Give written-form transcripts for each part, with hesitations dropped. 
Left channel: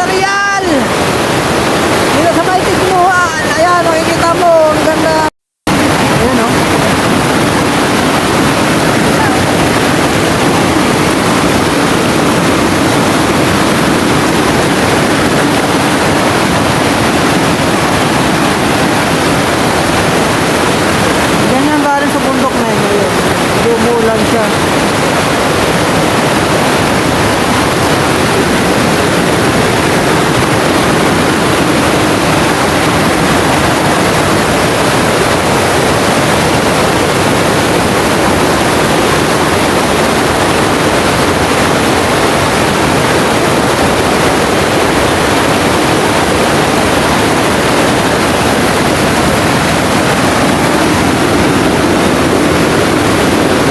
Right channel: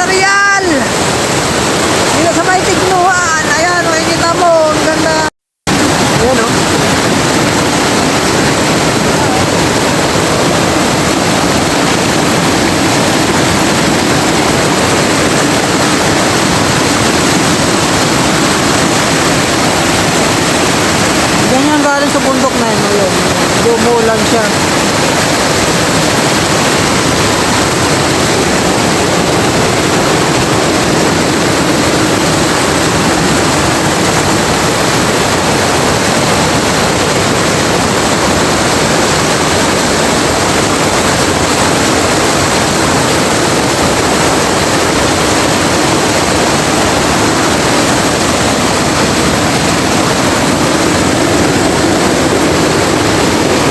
sa Real. Dito sa may Tignuhan. Ayan, makikita mo, ang ganda. Ayan, oh. Ganyan galing sa bundok na yun. Ayun. Dumulan siya.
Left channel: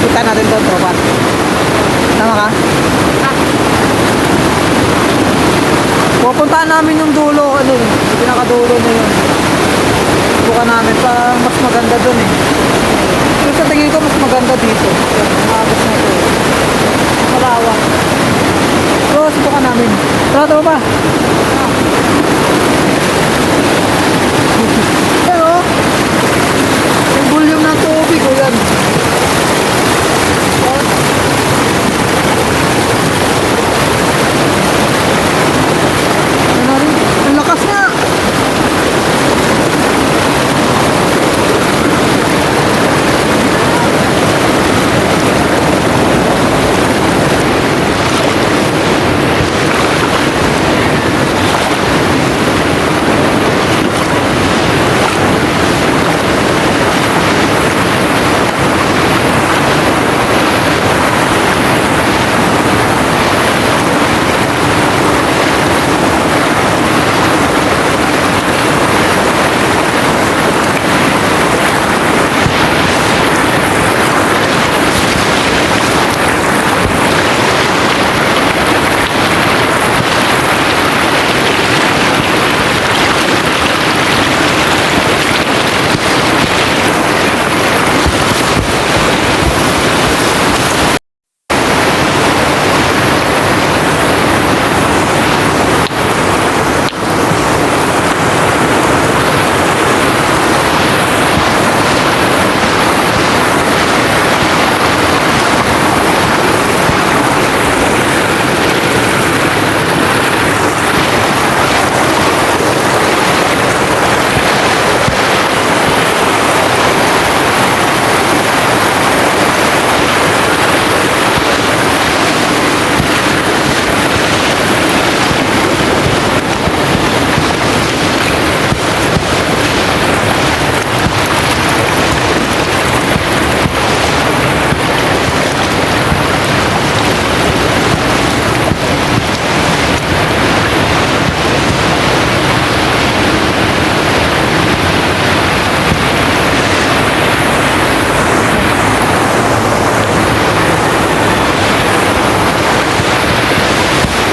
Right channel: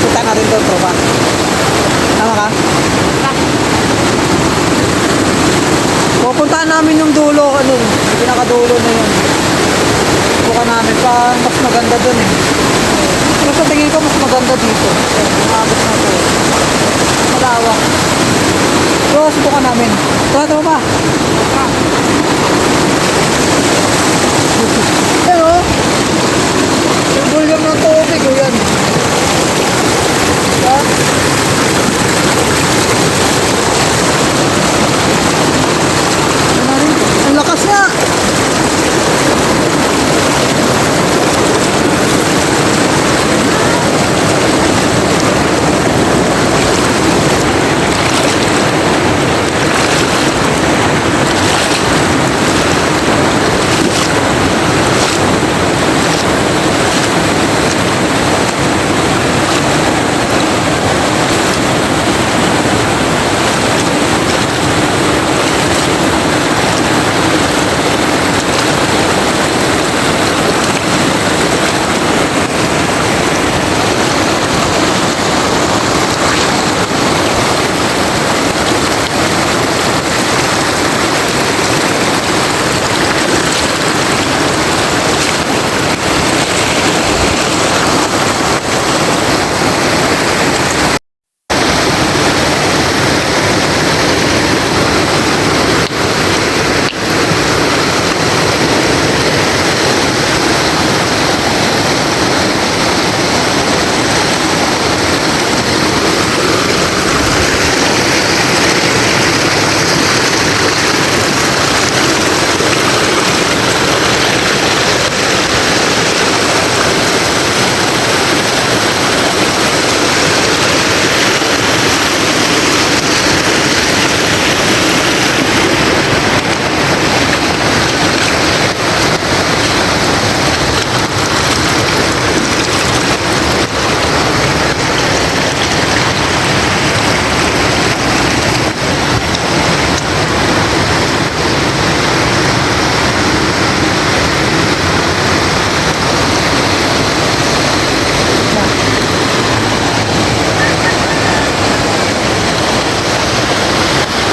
Kita natin doon, tropa. Tama ka? Pupuntahan namin yung dulo, ano, yung pinakadulo na yun. Buka namin pa, mas maganda doon eh. Pero sa tingin ko, mas maganda dito. Yan, yung agos na ito. Malawak. So, subukan namin. Tara ba? Pero, yung volume ng tubig ko yan. Yan. Ano rin? Ang lakas nga.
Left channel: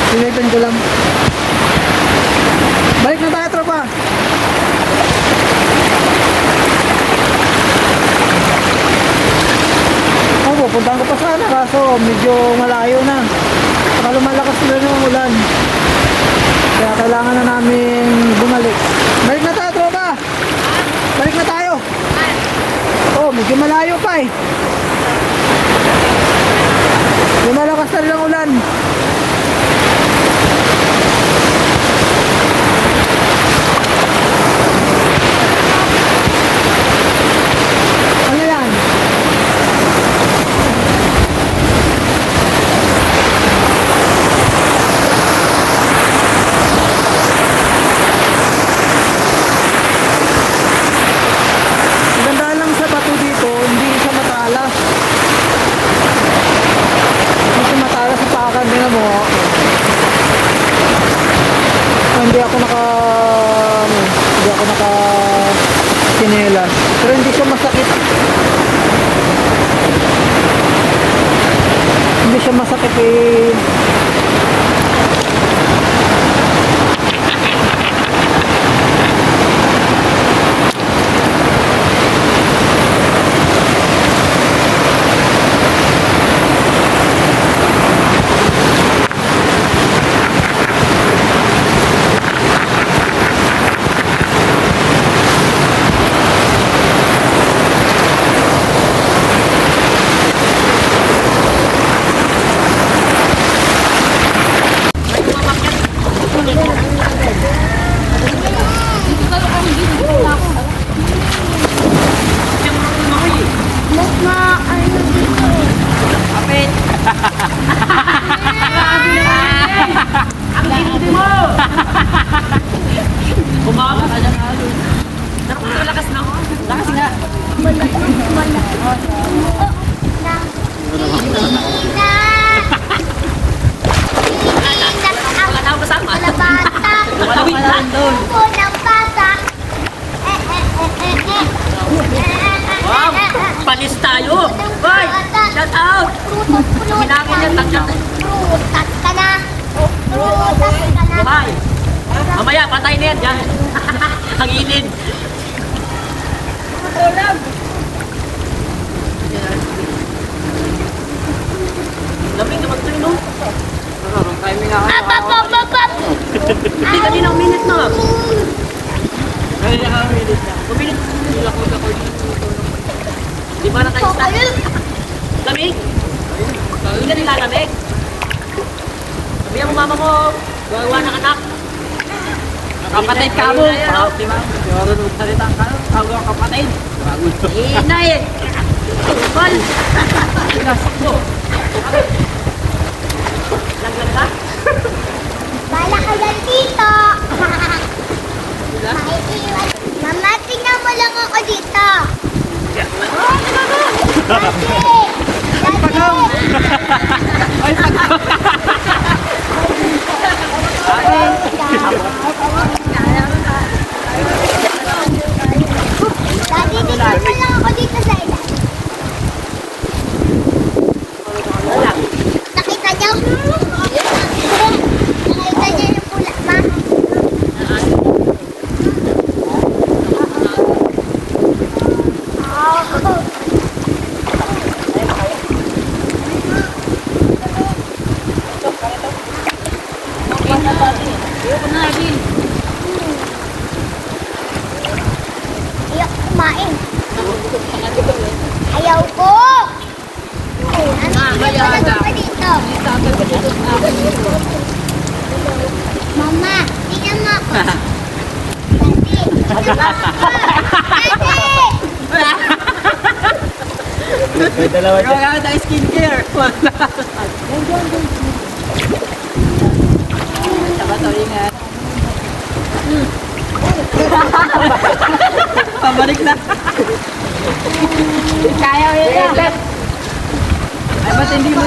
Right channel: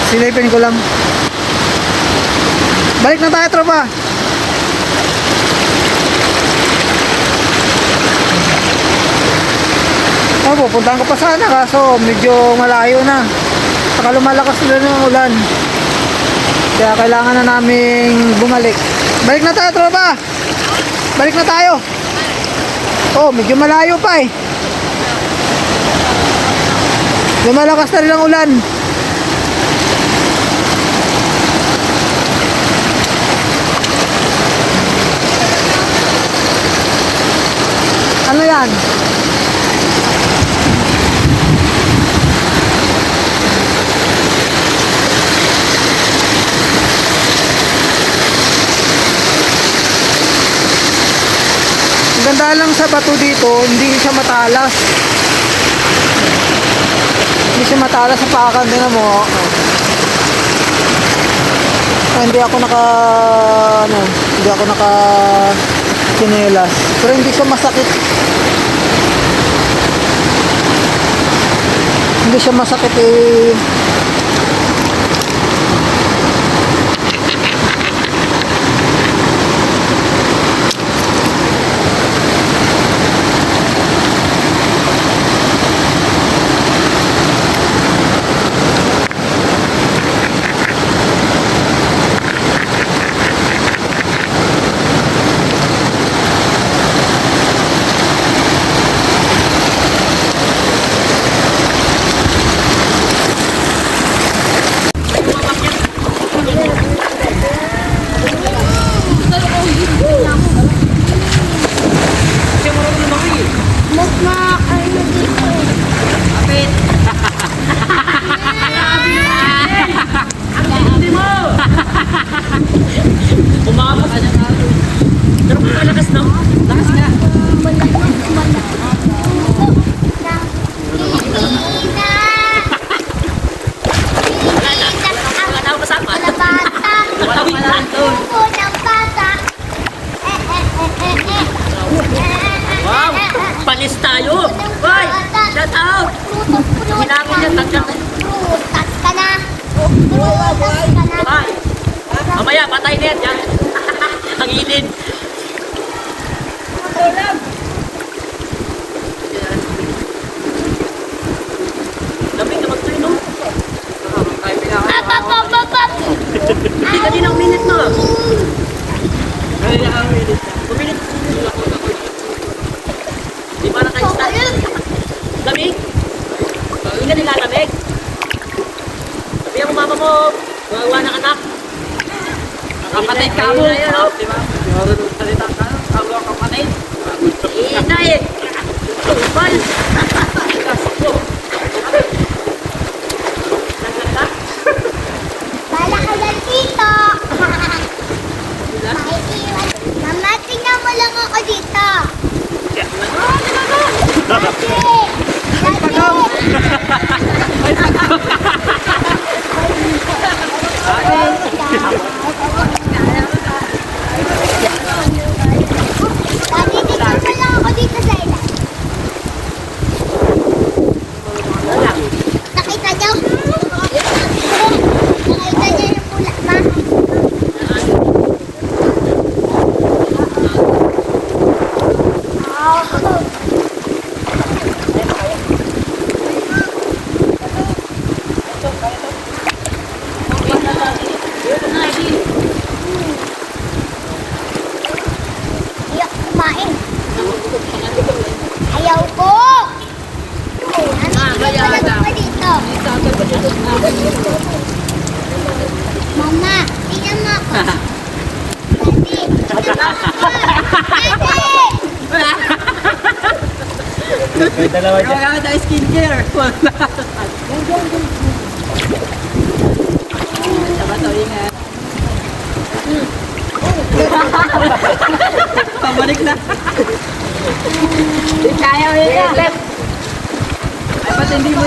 Silipin ko lang. Balik na tayo, tropa. Pupuntahan ko pa sana kaso medyo malayo na. Saka lumalakas na ng ulan. Kaya kailangan na naming bumalik. Balik na tayo, tropa. Balik na tayo. Oh, medyo malayo pa eh. Lumalakas na rin ang ulan. Ano yan? Ganda lang sa bato dito, hindi siya matalas. Hindi siya matalas sa pakan din mo. Hindi ako naka kinelas. Pero hindi siya masakit. Hindi siya masakit eh. Bye. Mamaya, patay na yan. Yan. Ang inid. Lamig na mag-turn, no? Hindi ka din ang minute na. Kaya ang minute na. Puminit. Di ba na kayo start? Lamig? Hindi ka nilalamig? Sabihan mo mama mo, gawa ng anak. Kapatid ka mo. Di ba? Marunong salita ka. Kawa kapatid. Inay. Mal. Laglag ka? Bala ka dyan, tito. Maiiwan. Mama, tingnan mo lang ako dito. Dati. Dati, tingnan mo lang ako dito sa ilan. Nakita niyo? Nakita niyo yung pula, ma? Ayaw kumain. Ayaw ko. Ano pa dito? Mama, tingnan mo ako. Daddy! Kaya tayo skincare. Sabat, ingat. Pabalik na. Kaya mo yun. Ay, ba't hindi mo?